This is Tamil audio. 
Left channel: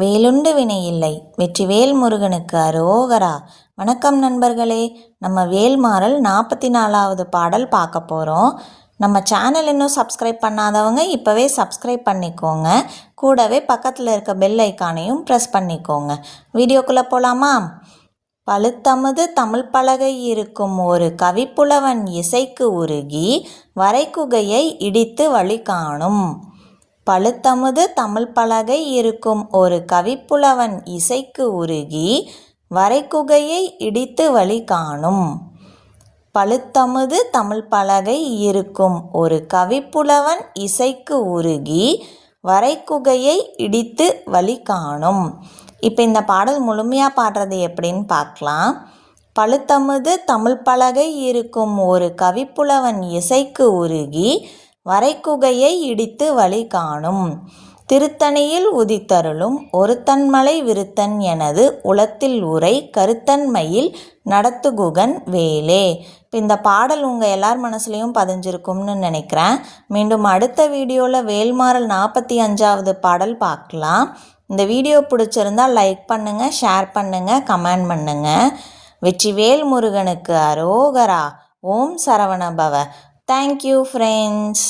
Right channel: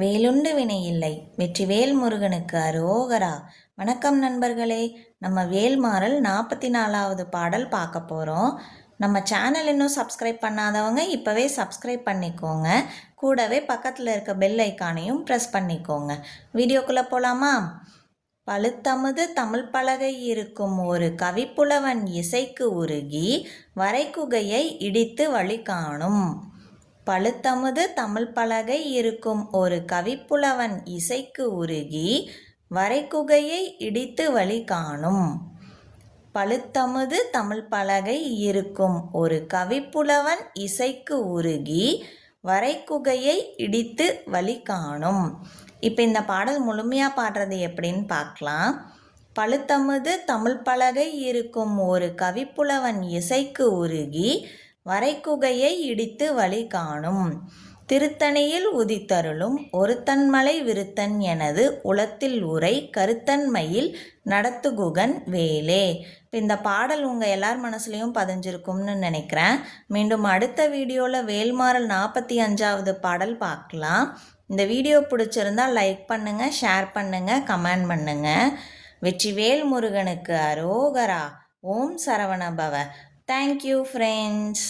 வேலுண்டு வினையில்லை. வெற்றிவேல் முருகனுக்கு அரோகரா. வணக்கம் நண்பர்களே. நம்ம வேல்மாறல் 44வது பாடல் பார்க்க போகிறோம். நம்ம சேனல் இன்னும் சப்ஸ்கிரைப் பண்ணாதவங்க இப்போவே சப்ஸ்கிரைப் பண்ணிக்கோங்க. கூடவே பக்கத்தில் இருக்க பெல் ஐக்கானையும் ப்ரெஸ் பண்ணிக்கோங்க. வீடியோக்குள்ளே போகலாமா? பழுத்தமுது தமிழ் பலகை இருக்கும் ஒரு கவிப்புலவன் இசைக்கு உருகி வரைக்குகையை இடித்து வழி காணும். பழுத்தமுது தமிழ் பலகை இருக்கும் ஒரு கவிப்புலவன் இசைக்கு உருகி வரைக்குகையை இடித்து வழி காணும். பழுத்தமுது தமிழ் பலகை இருக்கும் ஒரு கவிப்புலவன் இசைக்கு உருகி வரைக்குகையை இடித்து வழி காணும். இப்போ இந்த பாடல் முழுமையாக பாடுறது எப்படின்னு பார்க்கலாம். பழுத்தமுது தமிழ் பலகை இருக்கும் ஒரு கவிப்புலவன் இசைக்கு உருகி வரைக்குகையை இடித்து வழி காணும். திருத்தணியில் உதித்தருளும் ஒருத்தன்மலை விருத்தன் எனது உளத்தில் உரை கருத்தன்மையில் நடத்துகுகன் வேலே. இந்த பாடல் உங்கள் எல்லார் மனசுலையும் பதிஞ்சிருக்கும்னு நினைக்கிறேன். மீண்டும் அடுத்த வீடியோவில் வேல்மாறல் 45வது பாடல் பார்க்கலாம். இந்த வீடியோ பிடிச்சிருந்தால் லைக் பண்ணுங்கள், ஷேர் பண்ணுங்கள், கமெண்ட் பண்ணுங்கள். வெற்றிவேல் முருகனுக்கு அரோகரா. ஓம் சரவணபவ. Thank you, friends.